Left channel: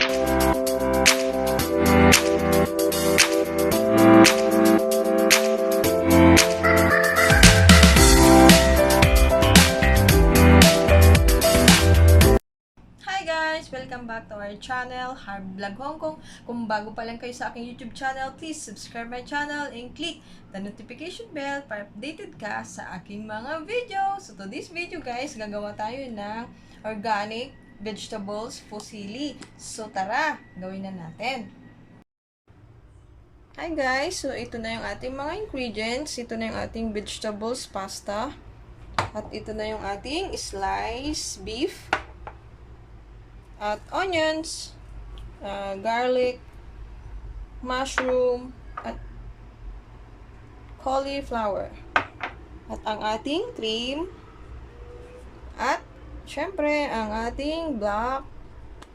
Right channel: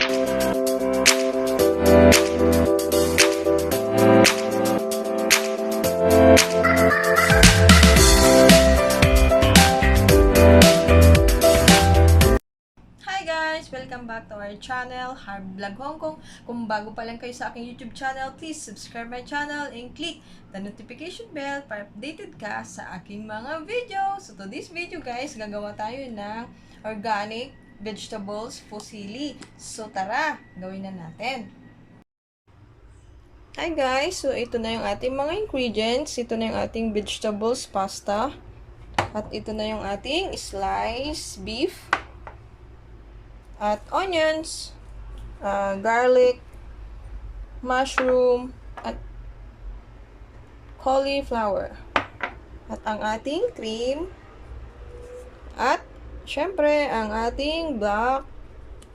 Welcome back to our channel, Harb Vlog Hong Kong. Kung bago pa lang kayo sa aking YouTube channel, please subscribe my channel and click the notification bell para updated ka sa aking mga video. So to this video guys, gagawa tayo ng organic vegetables fusilli. So tara, gawin na natin. Hi guys, so ito na yung ating mga ingredients. Ito na yung ating vegetables pasta. At ito na yung ating sliced beef. At onions, garlic, mushroom, at cauliflower. At ang ating cream. At, syempre, ang ating black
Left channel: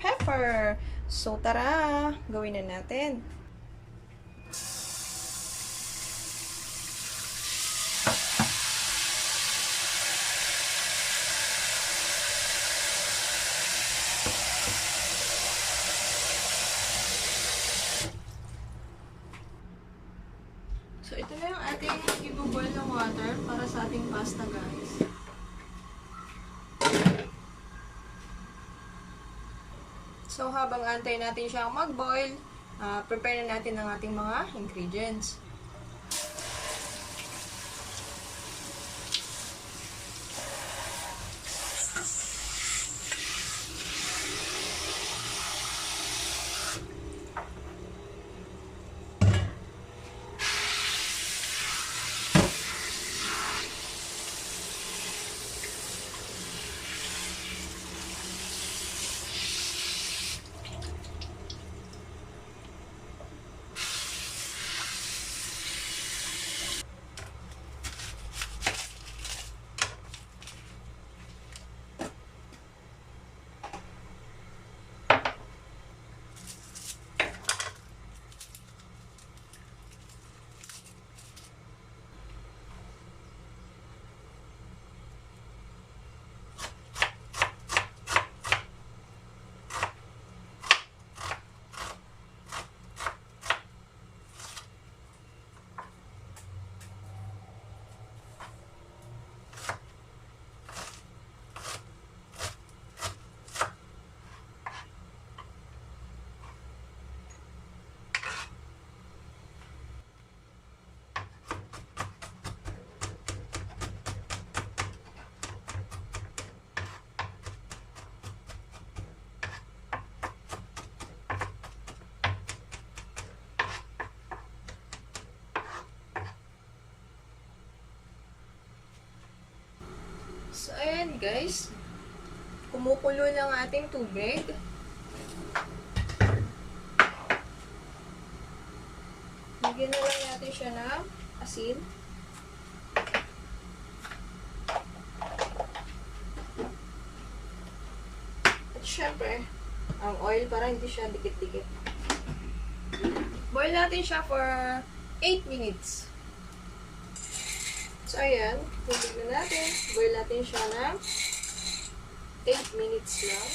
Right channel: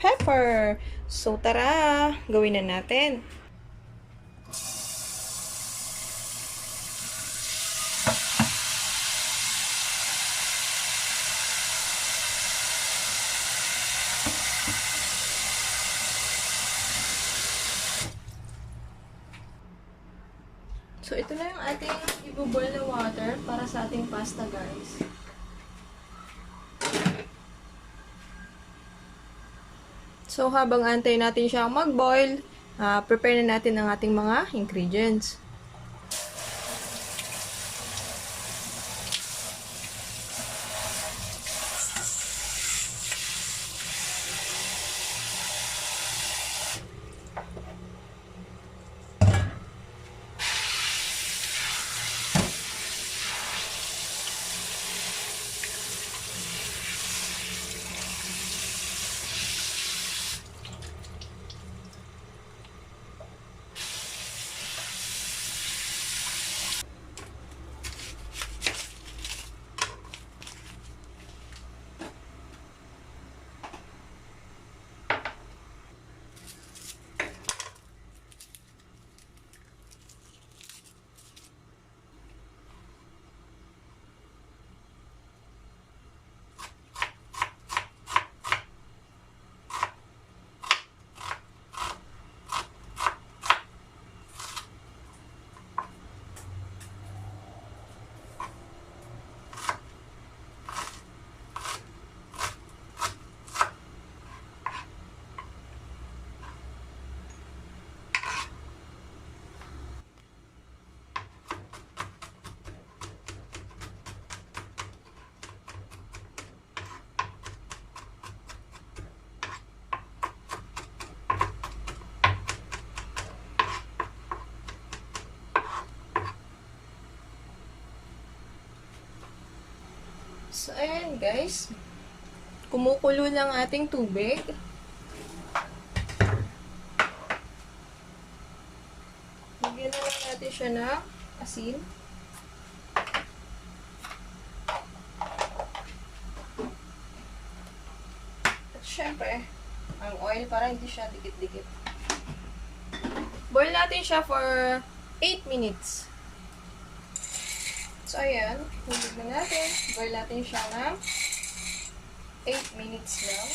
pepper. So, tara, gawin na natin. So, ito na yung ating i-boil na water para sa ating pasta, guys. So, habang antay natin siyang mag-boil, prepare na natin ang ating mga ingredients. So, ayan guys. Kumukulo lang ating tubig. Lagyan na lang natin siya ng asin. At syempre, ang oil para hindi siya dikit-dikit. Boil natin siya for 8 minutes. So, ayan. Tignan natin. Boil natin siya ng 8 minutes lang.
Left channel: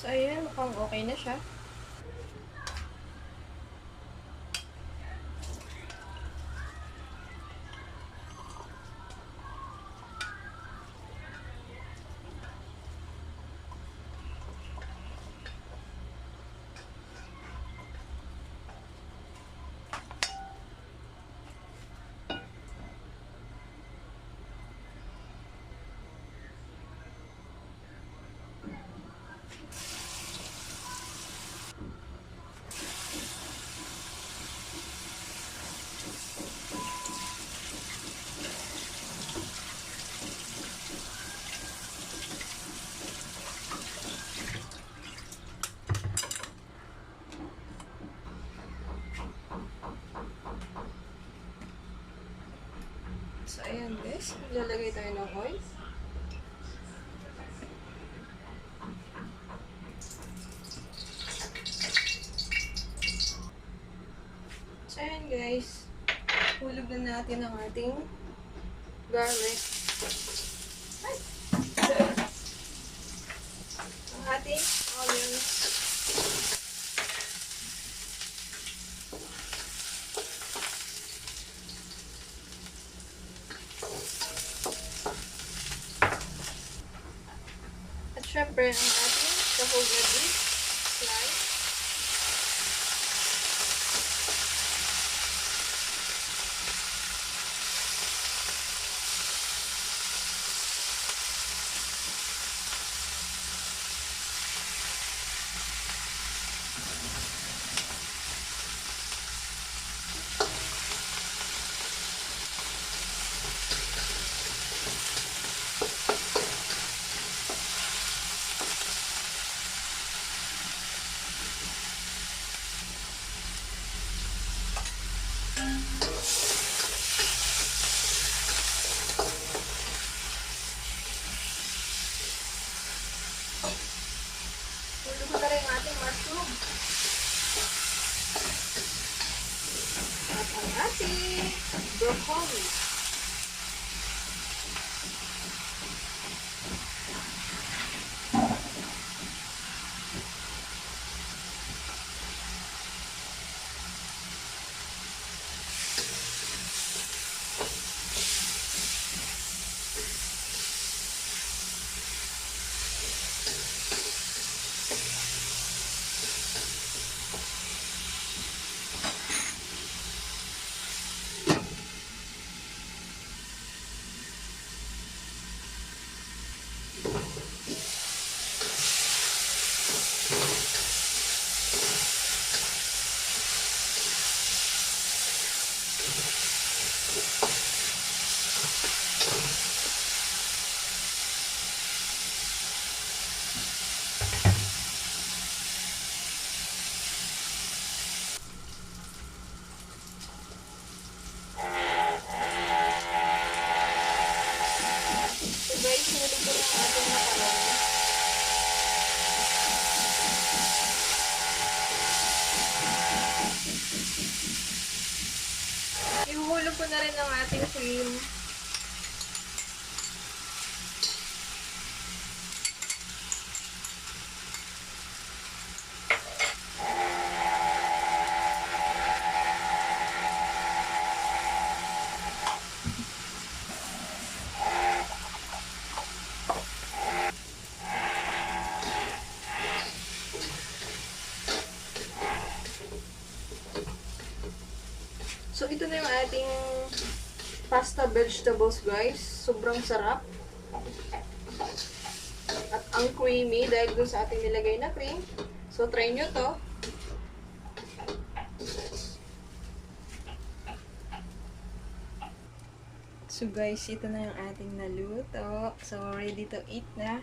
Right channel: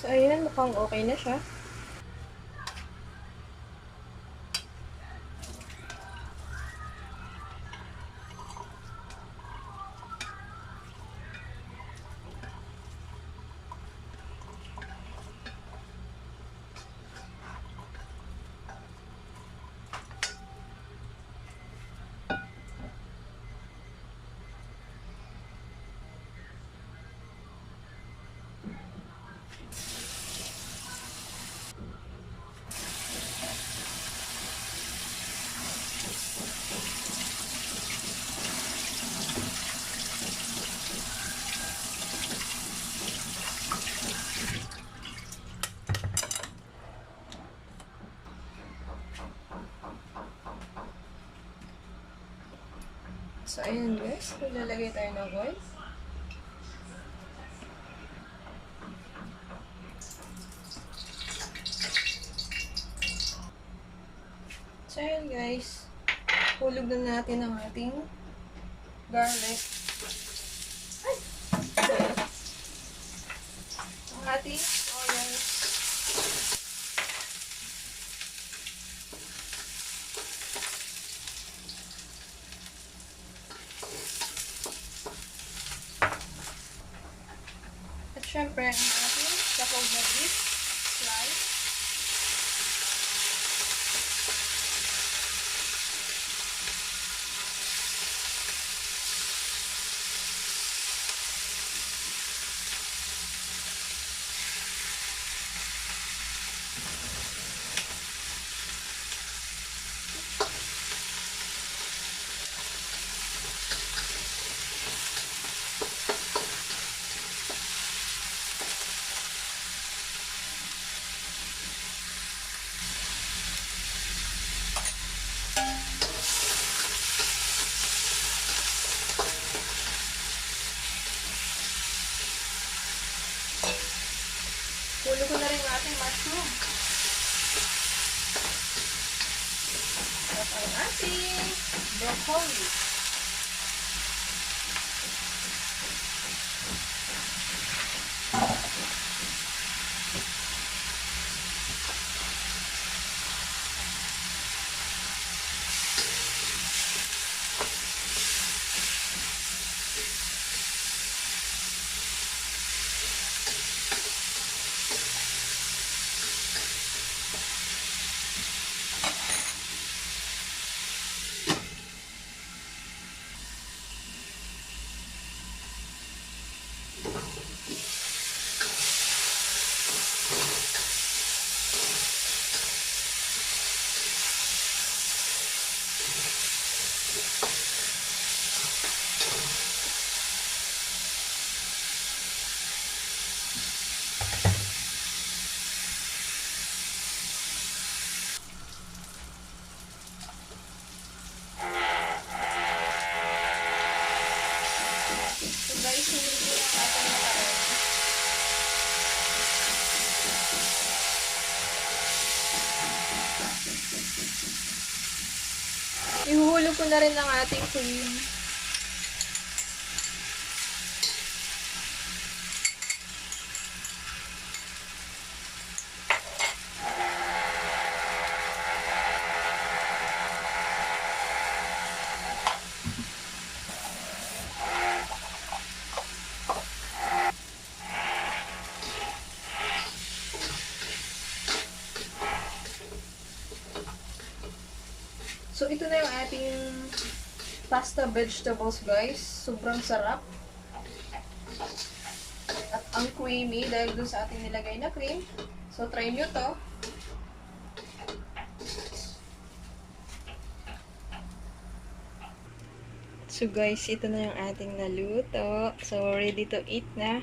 So, ayan, mukhang okay na siya. So, ayan guys. Maglalagay tayo ng oil. So, ayan guys. Hulog na natin ang ating garlic. Ay! So, ayan. Ang ating onions. At syempre, ang ating sahog na beef slice. Tuloy ko na rin ang ating mushroom. At ang ating broccoli. So guys, hulog ko na ang ating macaroni. Ihuhulog ko na rin ang ating cream. So, ito na yung ating pasta vegetables, guys. Sobrang sarap. At ang creamy dahil dun sa ating nilagay na cream. So, try nyo to. So, guys, ito na yung ating naluto. So, ready to eat na.